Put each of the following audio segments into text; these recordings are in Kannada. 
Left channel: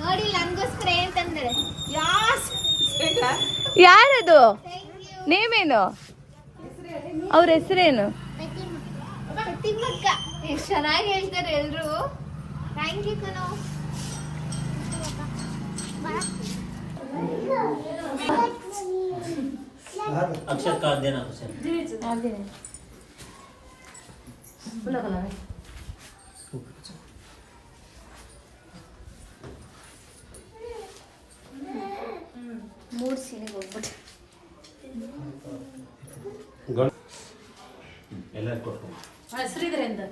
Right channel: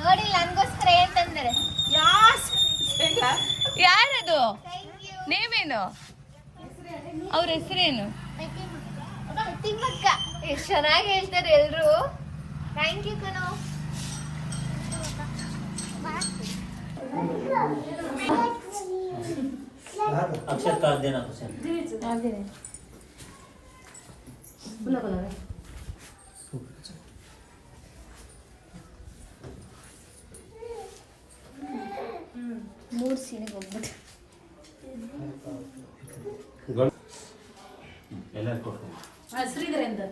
ನೋಡಿ ನನ್ಗೋಸ್ಕರ ಏನ್ ತಂದರೆ ಯಾರದು ನೇಮೇನು ಅವ್ರ ಹೆಸರೇನು ತಿಮ್ಮಕ್ಕ ಎಷ್ಟು ಚೆನ್ನಾಗಿ ಹೇಳ್ತಾರೆ ಎಲ್ರು ಥ್ಯಾಂಕ್ ಯು ಕಣೋ अक्षर काट देना कुछ ಮೂರು ಸೀರೆಗೆ ಹೋಗ್ಬಿಟ್ಟು ಎಲ್ಲರೂ ಕೊಡ್ತೀನಿ ಶ್ರೀಧರೇಂದ್ರ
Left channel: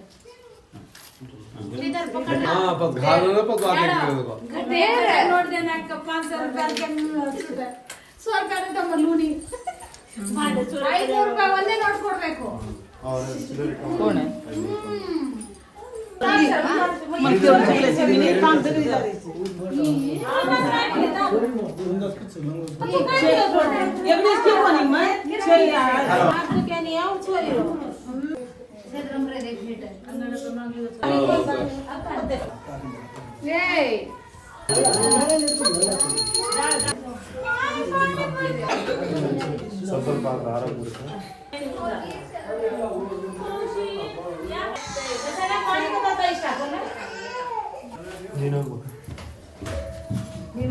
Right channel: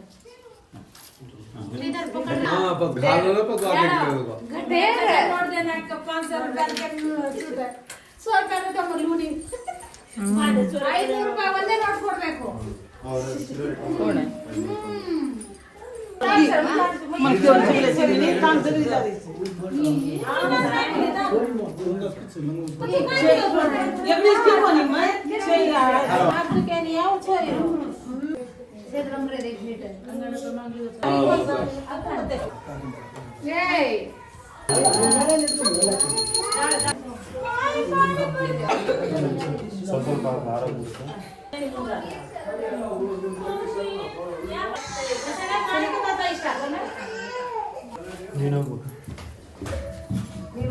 ನೋಡ್ದೆ ನಾಕ 500 ರೂಪಾಯಿ 100 ರೂಪಾಯಿ ತಮ್ಮ ಲೂನಿ 500 ರೂಪಾಯಿ ಒಂದೇ ನೋಟ್ ಕೊಡ್ಬೇಕು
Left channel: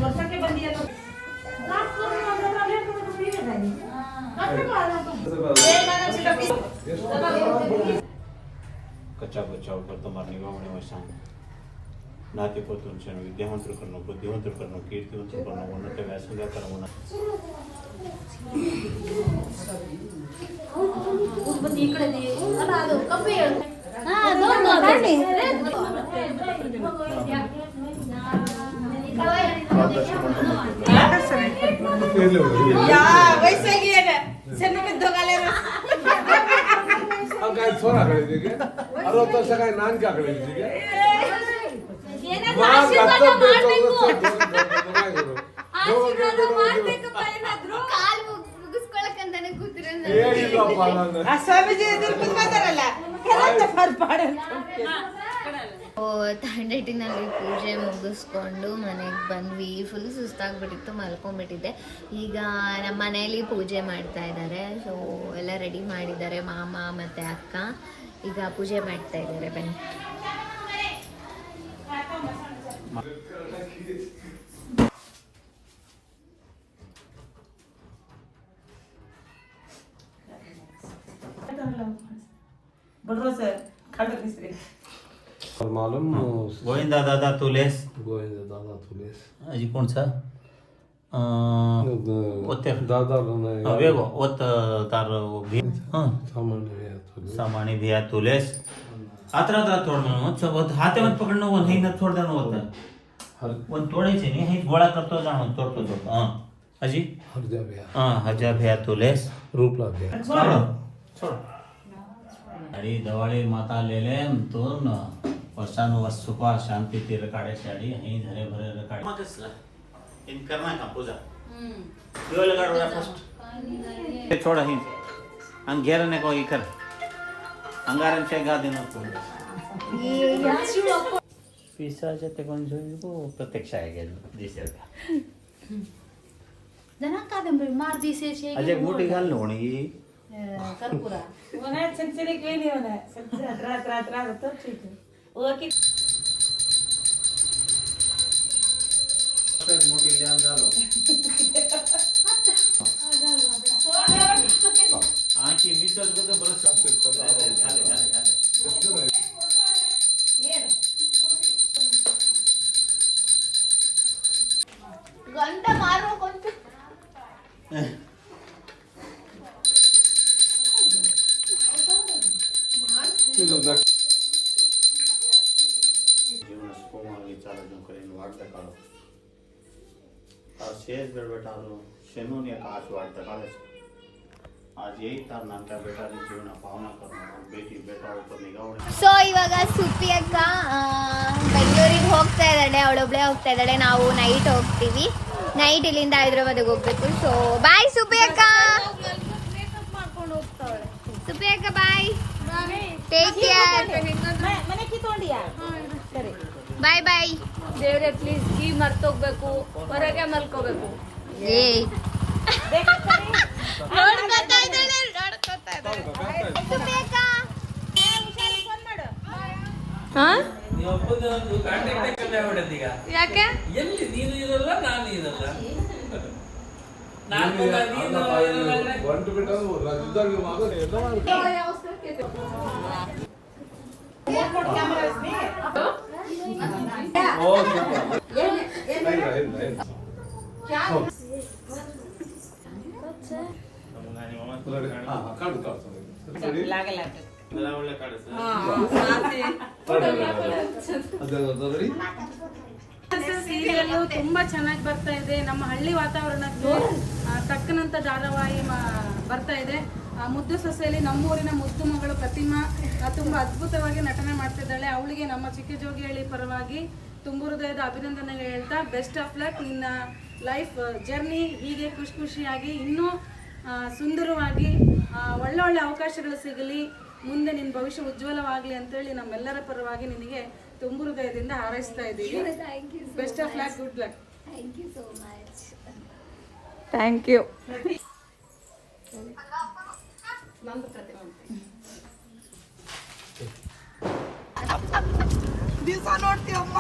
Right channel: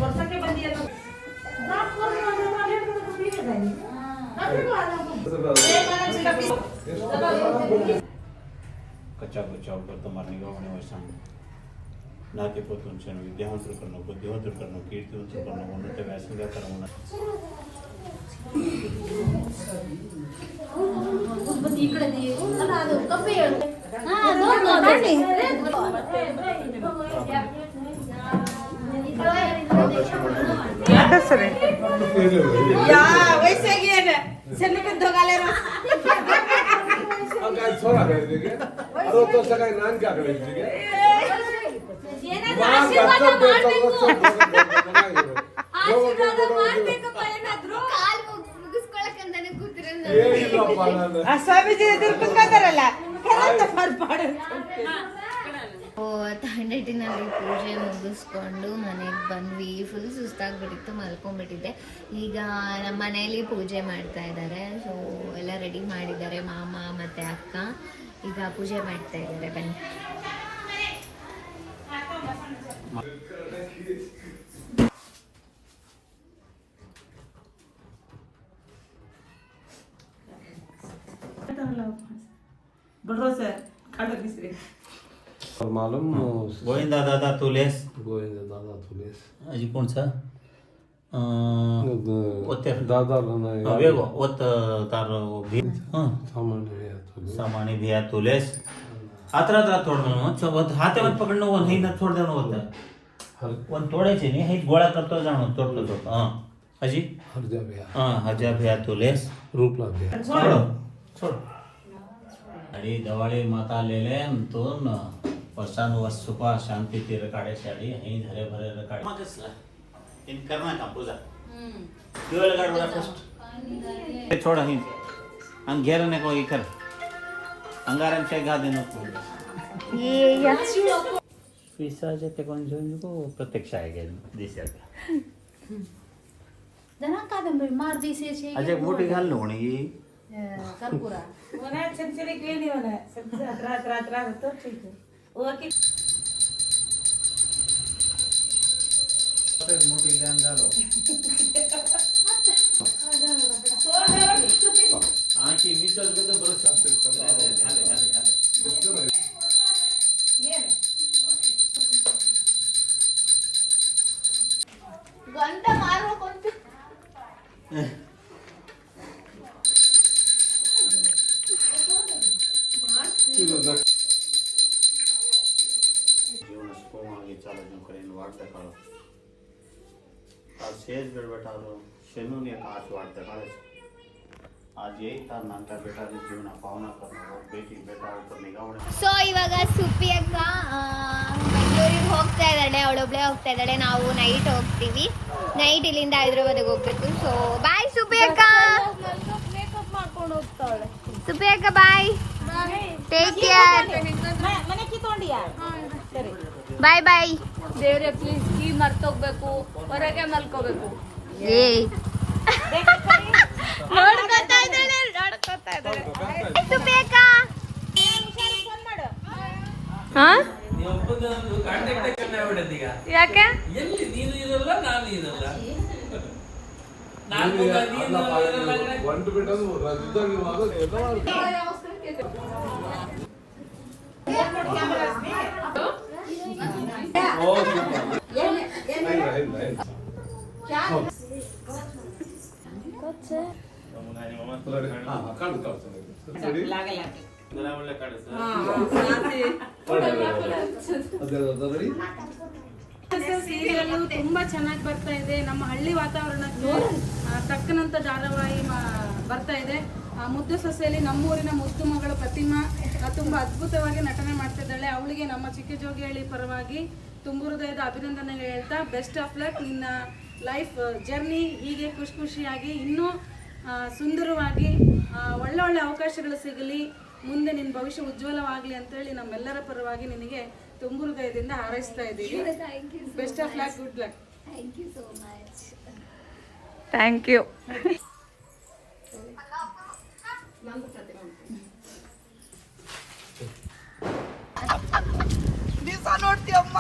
ವರ್ಷಕ್ಕೆ ಬಂದಿಯ कच्चा बचाव कर तुम्हारी निगाहों में शान नाते पोतुंचे विद्यावंतर करनो बुद्धिवंतर करनो कीर्तिवंतर करनो उन्नत वैसंगा करनो ಬನ್ನಿ ಈ ಕಡೆ ಅಲ್ಲ ಅದು ಕಪ್ಪೆ ಮುಗಿಸ್ಕೊಳಕಂತಾನೆ ಕೂತಿರ ತಂಡಟ್ಟಿನಲ್ಲಿ ಪೂಜೆ ಮುಗಿಸ್ಕೊಂಡು ಮನೆಗೆ ಬಂದ್ವಿ. ಫುಲ್ ಸುಸ್ತಾಗ್ಬಿಟ್ಟಿತ್ತು, ಮಲ್ಕೊಂಡ್ಬಿಟ್ಟಿದ್ದೆ. ಈಗ ನಮ್ಮ ಮನೆಯಲ್ಲಿ ಪೂಜೆ ಮಾಡ್ತಾ ಇದ್ದಾರೆ. ಸೊ ಎಲ್ಲ ರೆಡಿ ಮಾಡಿದ್ದಾರೆ ಮಾಮ ಮತ್ತು ಅಕ್ಕ. ಈಗ ಪೂಜೆ ಮಾಡ್ತಾ ಇದ್ದಾರೆ. ಬನ್ನಿ. मालूम गोविंदा दादा तुलेस अजी कौन सा ओते दादा वेगो ओत तार भी सामान्य भी तुलेस आत्रा तोड़नो मत हाथे मत पकड़नो वो नहीं न छोड़ देनो होता है वो तोड़े छे नहीं है गोळा करतो जानो तोड़तो जो हां अजी हजा भैया तुलेस रूपला भैया छोड़ अड़ी दवाड़ी माता ले ले तो न वर्षानु वर्ष सुखा शांति ती रकाड़े साड़ी यहीं धरे भरे रकाड़े इन करना का पूजा जो लगा रहा फर्स्ट छोड़ ही हम घेर ने को इकर अंगारन से गा देना ये पिसा जते कोन जो को प्रत्यक्ष आएगा जैसे ಜನ ಕಾದಂಬರಿ ಮಾರ್ ದಿಸೆ ಶೇ अजय मोटी गाल लोणी कर्पूर वना छंचरी क्लीन होना रात तो ठीक है ओके मोटी जान डालो आंखी मिसल को तो बरस झाले घंटा मारो कौन जीवन सुखमय चाल जो करेन वाट काढो आज शेष बेड बैठारो शेनू ने काच वाट काढे आज यही तार नानका बेटा ने जीवन पावना करो बेटी बेटा ऊपर निगावणे ಸೊ ಇವಾಗ ಸುಪ್ಪಿ ಅಕ್ಕ ಬೆಂಗಳೂರಿಗೆ ಹೋಗ್ತಾ ಇದ್ದಾಳೆ. ಅವಳೊಬ್ಳೆ ಹೋಗ್ತಾ ಇದ್ದಾಳೆ. ನಾವು ನೈಟ್ ಹೋಗ್ತೀವಿ. ನೈಟ್ ಇಲ್ಲಿಂದ ಹೈದ್ರಾಬಾದಿಗೆ ಹೋಗ್ಬೇಕು. ಸೊ ಬಾಯ್ ಸುಪ್ಪಿ ಅಕ್ಕ. ಸುಪ್ಪಿ ಅಕ್ಕ ಬಾಯ್. Take care. ಬಾಯ್ ಬಾಯ್. ದೇವ್ರೆ ಪ್ಲೀಸ್ ಕೀ ಮರ್ತೋಗ್ಬೇಕು, ಹೊರಗೆ ಮಲ್ಕೋಬೇಕು. ಏ ಇದು ಬೇಕಾ? ಹಾ ಯಾಕೆ ಎಲ್ಲಿ ನೀನು ಇರಲ್ಲ ನಾನು ಇರಲ್ಲ ಒಂಟು ಬಿಟ್ಟು ರಜದಲ್ಲಿ ಸೀರಿಯಲ್ ತುಂಬಾ ಚೆನ್ನಾಗಿ ಬರ್ತಾ ಇದೆ. ನಮ್ಮ ಹಳ್ಳಿ ವಾತಾವರಣಕ್ಕೆ ತಕ್ಕನಂತ ಧಾರಾವಾಹಿ ಬರ್ತಾ ಇದೆ. ಮುದ್ದು ಸೊಸೆಯಲ್ಲಿ ನಮ್ಮೂರಿನ ಮುದ್ದು ಮಗಳು ಪ್ರತಿಮಾ ತುಂಬಾ ಅದ್ಭುತವಾಗಿ ನಟನೆ ಮಾಡ್ತಿದ್ದಾಳೆ. ಅವಳಿಗೆ ನಮ್ಮ ಚಿಕ್ಕಜೋಗಿಹಳ್ಳಿ ಪರವಾಗಿ ತುಂಬ ಹೃದಯದ ಅಭಿನಂದನೆಗಳು ಹೇಳ್ತಾ, ಬೆಸ್ಟ್ ಆಫ್ ಲಕ್. ನಿನ್ನ ಲೈಫ್ ಜರ್ನಿ ಹೀಗೆ ಖುಷಿಯಾಗಿ ಇನ್ನೂ ಸುಂದರವಾಗಿ ಒಳ್ಳೊಳ್ಳೆ ಅವಕಾಶಗಳು ಸಿಗಲಿ, ಮುಂದೆ ನಿನ್ನ ಭವಿಷ್ಯ ಉಜ್ವಲವಾಗಲಿ ಅಂತೇಳಿ ನಮ್ಮೆಲ್ಲರ ಪರವಾಗಿ ನಿನಗೆ ತುಂಬ ಹೃದಯದಿಂದ ಹಾರೈಸ್ತಾ ಇದ್ದೀವಿ. Best of luck, good luck. Thank you. ದಿವಸ ನೋಡ್ತೀಯಮ್ಮ,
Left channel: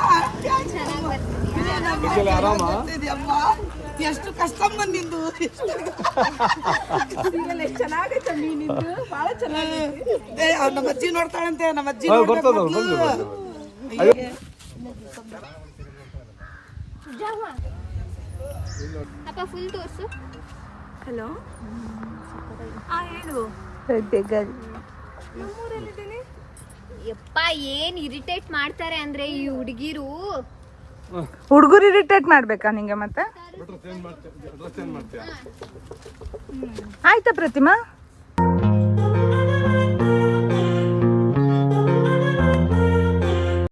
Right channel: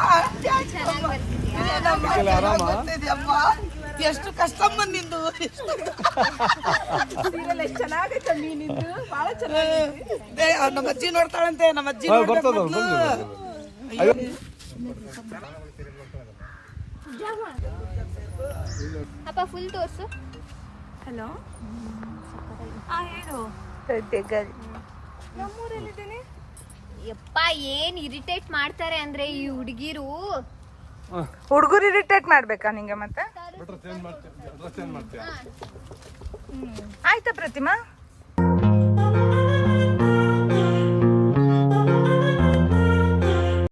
ಎಷ್ಟು ಕಷ್ಟ ಬಂದಿದ್ದು. ಚೆನ್ನಾಗೈತೆ ನಿಂದು, ಬಹಳ ಚೆನ್ನಾಗೈತೆ. ನಮ್ಮ ಅಜ್ಜಿ ನೋಡ್ತಾಳಂತೆ, ನಮ್ಮ ಅಜ್ಜಿ ಅಪ್ಪ ಫುಲ್ ತೋರ್ಸು. ಹಲೋ, ಹೇಳು. ನಮ್ಮೂರಲ್ಲಿದ್ದೀನಿ. ಯಪ್ಪ ಏನ್ ಇರಿಟೇಟ್ ಮಾಡ್ತಾರೆ ಅಂದ್ರೆ ಈ ಹುಡುಗಿರು. ಹುಡುಗರು ಇರಿಟೇಟ್ ಮಾಡ್ಬೇಕಾ ನಿಂಗೆ? ಮತ್ತೆ ಆಯ್ತಾ ಪ್ರತಿಮಾ?